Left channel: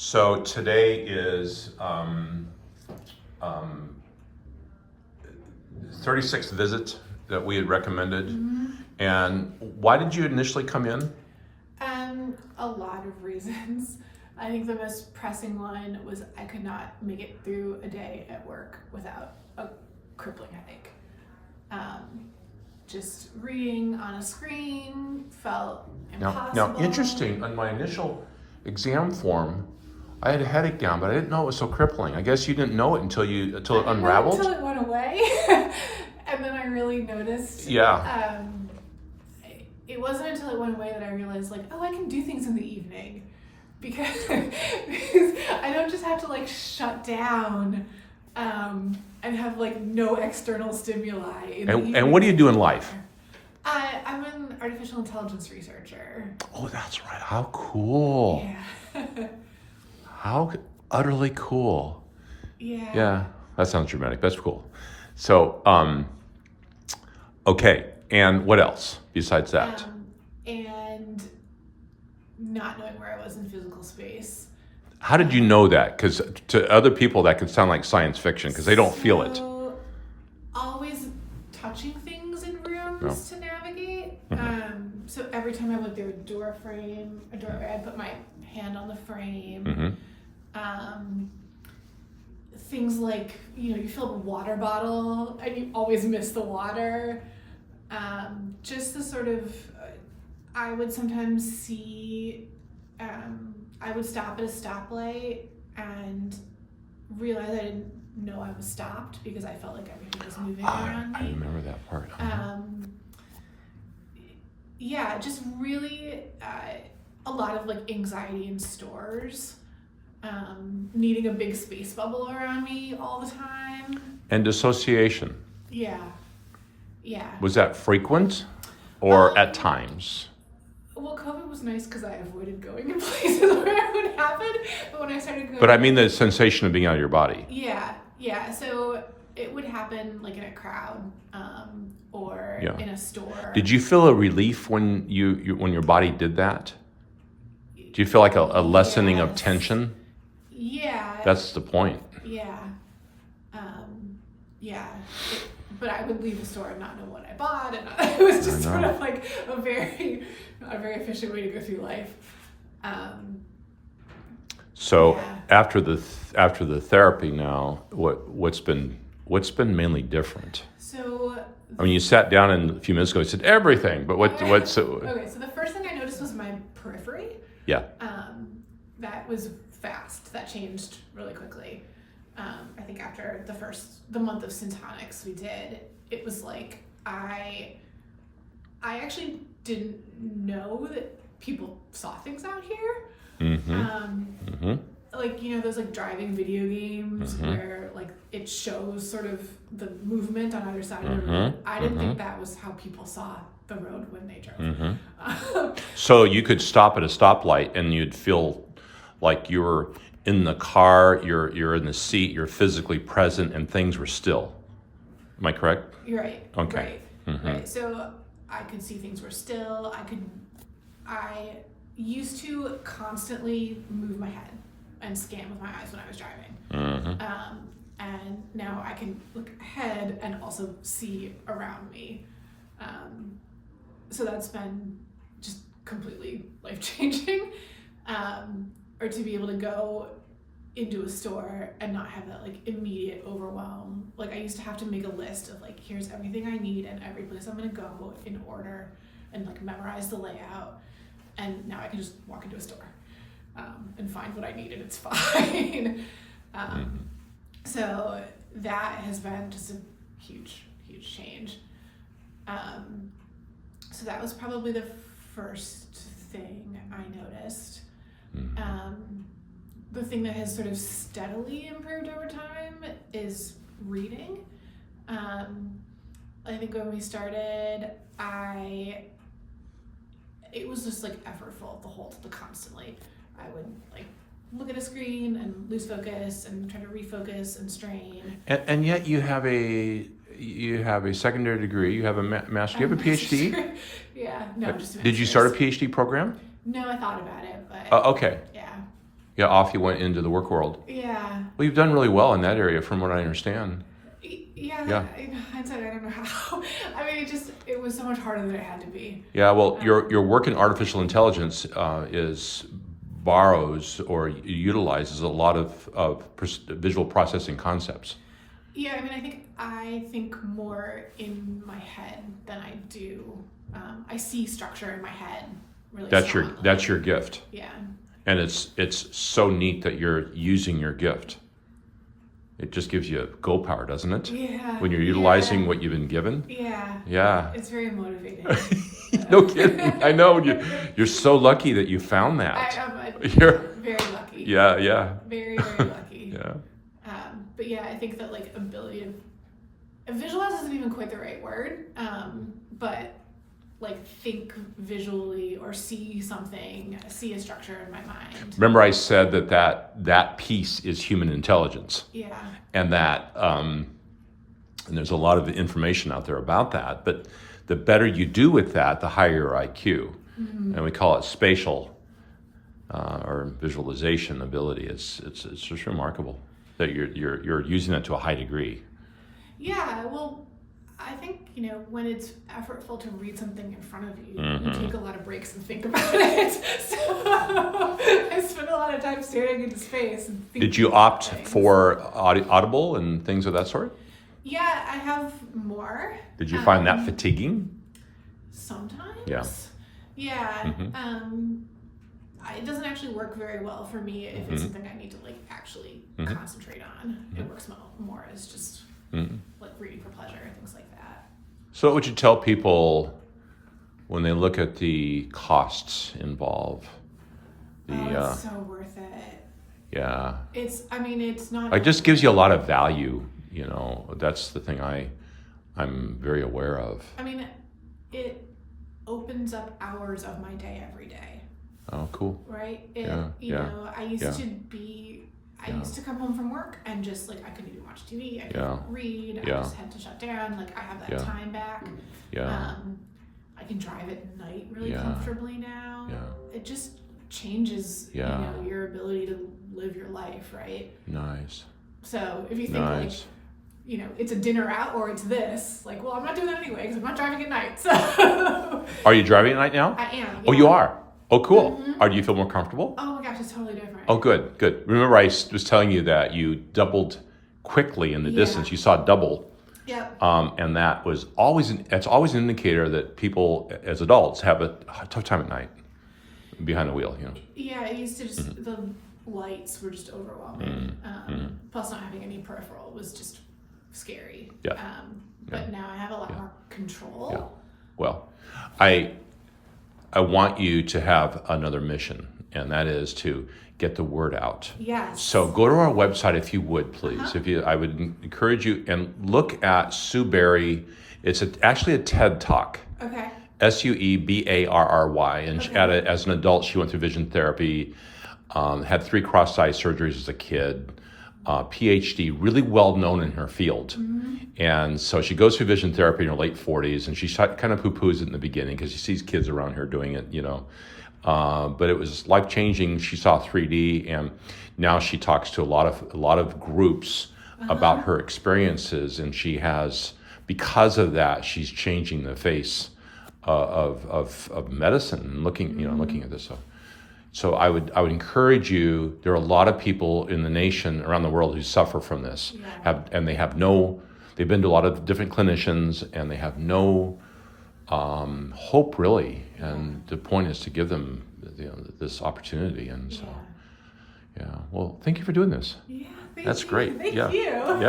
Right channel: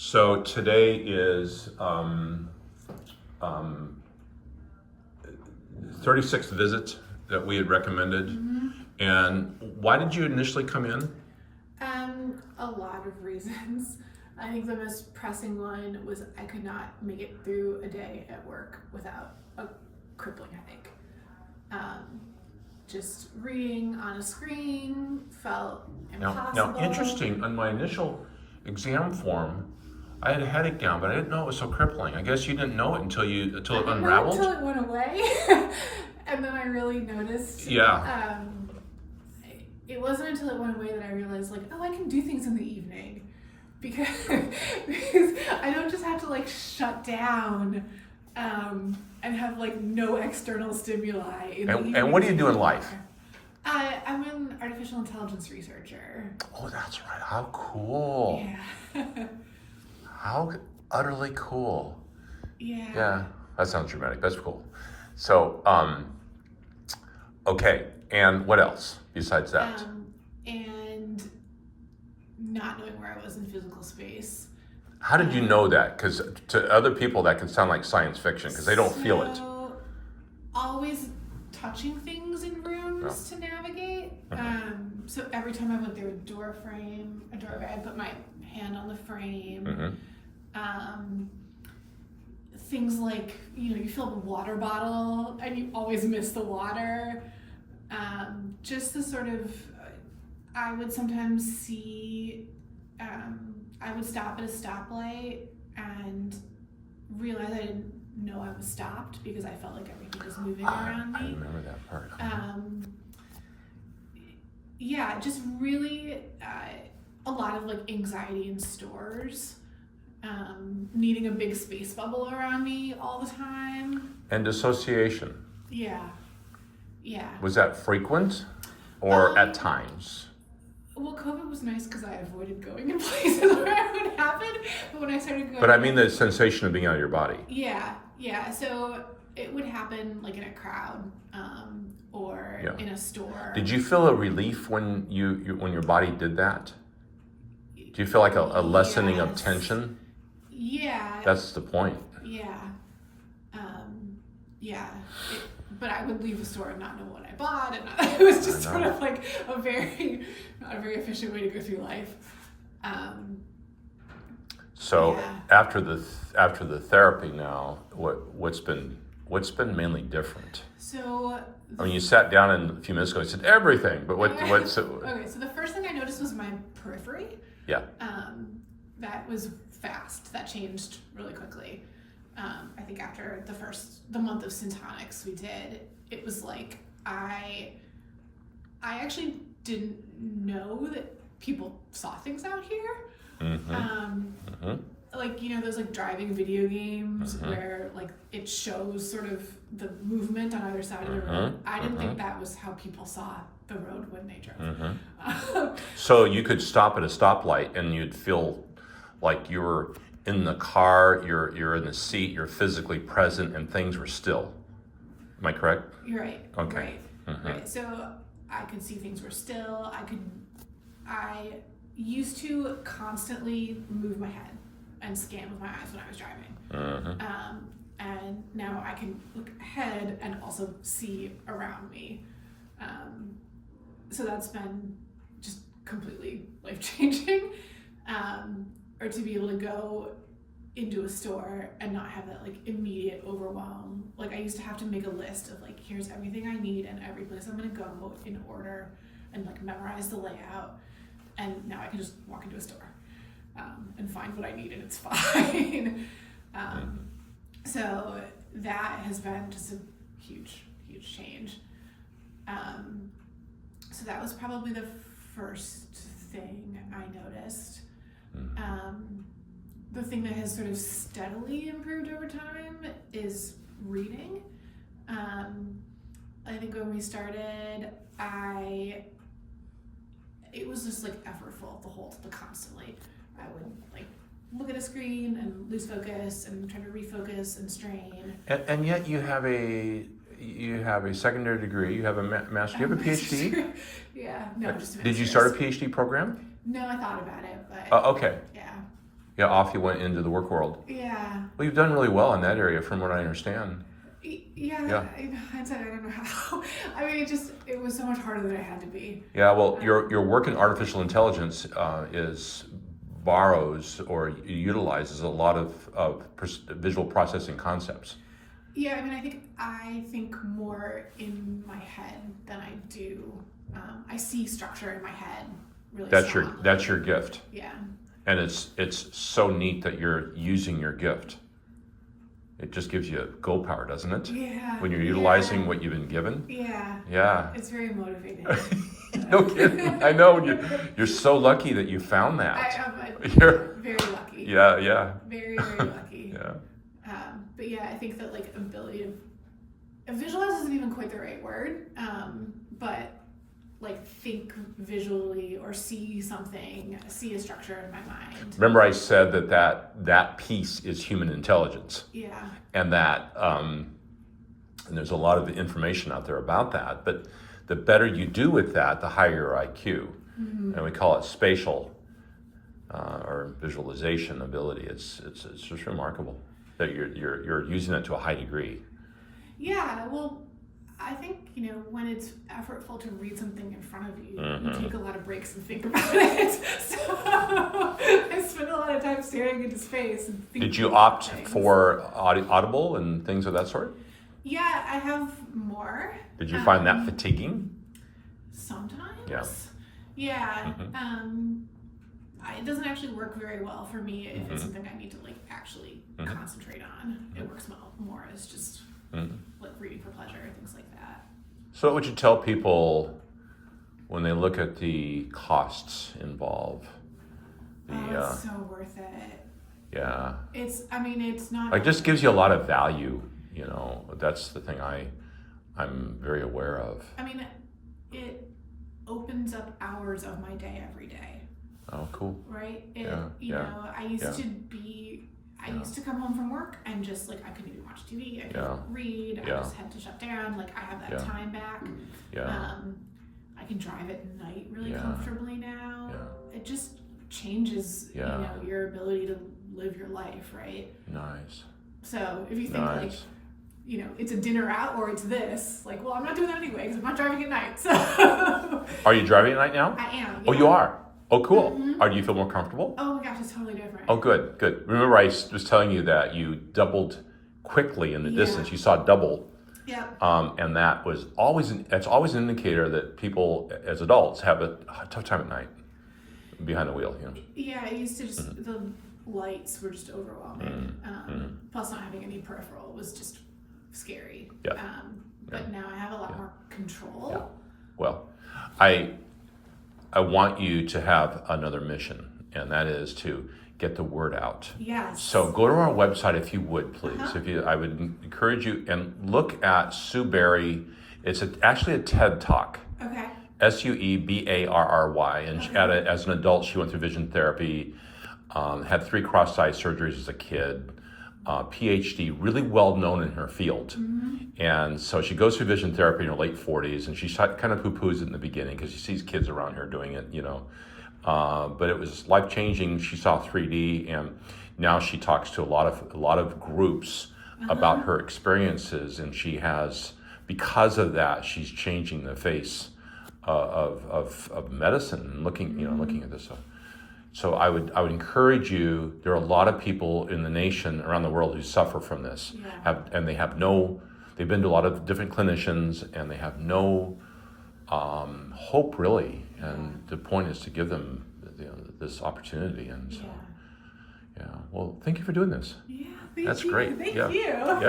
So today is 36th visit that we had recommended. Mm-hmm. And why did you initially come in? A lot of reasons. I think the most pressing one was I could not make it through a day at work without a crippling headache. Just reading on a screen felt impossible. Now, interesting, on my initial exam form, I had a headache down, but I didn't know it was so crippling. I guess you didn't know it until it unraveled? Until it went away. And then I really noticed. Yeah. It wasn't until it went away that I realized, like, oh, I can do things in the evening. Because I don't just have to, shut down and have, no external stimuli in the evening. And what do you do in life? I'm an artificial intelligence researcher. Oh, that's right. How cool. Yeah. How utterly cool. Yeah. Yeah, that sounds dramatic. That's cool. So, okay. And what else besides that? And not knowing where I was in physical space. How did you know that? Because to other people that could sound like science fiction because they don't feel it. Always touching things in rooms to navigate. Mm-hmm. So every time I went through a doorway, I'd put my hand on the frame. Mm-hmm. Things like, you fill up a water bottle and you always miss the water. Just the sort of, I would sometimes see, I would stop at a stoplight and realize I didn't know I was stopped because I felt like everything was moving around me. I remember that part. Yeah, just really a lot of anxiety in stores, needing a big space bubble around me all the time. And dissociation. Yeah. Was that frequent or at times? Well, COVID was nice because I avoided going in places where it would happen. But when I started going... But I mean the sensation of being out of your body. Yeah. So it would happen in a crowd or in a store. Did you feel a relief when when your body did that? Do you feel like a lessening of tension? Yeah. That's the point. Yeah. But I would leave the store and not know what I bought, and it was just sort of not a very efficient way to go through life. After the therapy now, what's been mainly different? So you sat down and a few minutes ago and said everything, but what's okay? So the first thing I noticed was my periphery. Yeah. That was fast. That changed really quickly. I think after the month of syntonics we did, it was I actually didn't know that people saw things out here. Mm-hmm. Those driving video games where it shows sort of the movement on either side of the road. I didn't think that was how people saw the road when they drove. So you could stop at a stoplight and you'd feel like you were in the car, you're in the seat, you're physically present, and things were still. Am I correct? You're right. Okay. Right. So I could see things were still. I used to constantly move my head and scan with my eyes when I was driving. And now I can look ahead and also see around me. So that's been just completely life-changing. Or to be able to go into a store and not have that immediate overwhelm. I used to have to make a list of here's everything I need and every place I'm gonna go in order and memorize the layout. And now I can just walk into a store and find what I need and it's fine. So that has been just a huge change. So that was probably the first thing I noticed. The thing that has sort of steadily improved over time is reading. I think when we started, it was just effortful constantly. I would look at a screen and lose focus and try to refocus and strain. And yet you have a secondary degree. You have a master. You have a PhD. Yeah. No, just a Did you master's. start a PhD program? No, I thought about it, but Okay. Yeah. Yeah, off you went into the work world. Yeah. Well, you've done really well in that area, from what I understand. Yeah. In hindsight, I don't know how. I mean, it was so much harder than it had to be. Yeah, well, your work in artificial intelligence borrows or utilizes a lot of visual processing concepts. Yeah, I mean, I think more in my head than I do. I see structure in my head really strongly. That's your gift. Yeah. And it's so neat that you're using your gift. It just gives you go power, doesn't it? Yeah. When you're utilizing what you've been given. Yeah. Yeah. It's very motivating. No kidding. I know. You're so lucky that you found that. You're very lucky. Yeah. Very, very lucky. Yeah. But yeah, I think that like ability to visualize isn't even quite the right word. But like think visually or see something, see a structure in my mind. Remember I said that piece is human intelligence. Yeah. And that, and there's a lot of information out there about that, but the better you do with that, the higher your IQ. Mm-hmm. And we call it spatial or visualization ability. It's just remarkable that you're using it to a high degree. Yeah, well, I think, when it's effortful to read something in front of you, mm-hmm. you take a lot of breaks and think about it. So I spend a lot of time staring into space and thinking. Did you opt things. for Audible and things of that sort? Yeah, I have more. Did you find that fatiguing? Sometimes. Yeah. Mm-hmm. It doesn't actually work very well for me if mm-hmm. it's something I need to actually mm-hmm. concentrate on. Mm-hmm. It works more as just mm-hmm. reading for pleasure, things like that. So what would you tell people when they look at the costs involved? It's so worth it. Yeah. It's not. It just gives you a lot of value. That's the thing I'm very aware of. I mean, it opens up hours of my day every day. Oh, cool. Right? I used to come home from work and just I couldn't even watch TV. I couldn't read. I just had to shut down. I have that time back. Yeah. I can drive at night really comfortably now. Yeah. It just changes, your ability to live your life, right? Nice. So if you think it's a dinner out or it's this, well, I'm not doing that anyway because I'm not driving at night. So. Are you driving at night now? I am. Yeah. Oh, you are? Oh, cool. Mm-hmm. Do you feel more comfortable? Oh my gosh, it's totally different. Oh, good. Remember I was telling you that you doubled quickly in the distance. You saw double. Yeah. And that was it's always an indicator that people as adults have a tough time at night behind the wheel. Yeah, it used to just, mm-hmm. the lights were just overwhelming. Mm-hmm. Plus not having any peripheral was just scary. Yeah. But now I have a lot more control. Yeah. Well, I want you to have another mission, and that is to get the word out. Yes. So go to our website if you would, please. Uh-huh. I would encourage you and look at Sue Barry. It's actually a TED Talk. Okay. SUEBARRY, and okay. As an adult, she went through vision therapy, had 3 cross-eye surgeries as a kid, PhD, really well known in her field. Mm-hmm. And so she goes through vision therapy in her late 40s, and she kind of poo-poos it in the beginning because she sees kids around her doing it, but it was life-changing. She saw 3D, and now she talks to a lot of groups uh-huh. about her experiences, and she has, because of that, she's changing the face of medicine and looking mm-hmm. Looking at this stuff. So I would encourage you. There are a lot of people in the nation around the world who suffer from this, they've been to a lot of different clinicians, and they have no hope really. And the point is to give them this opportunity. And so, well, thank you for doing this. Yeah, that's great. Thank you. Yeah.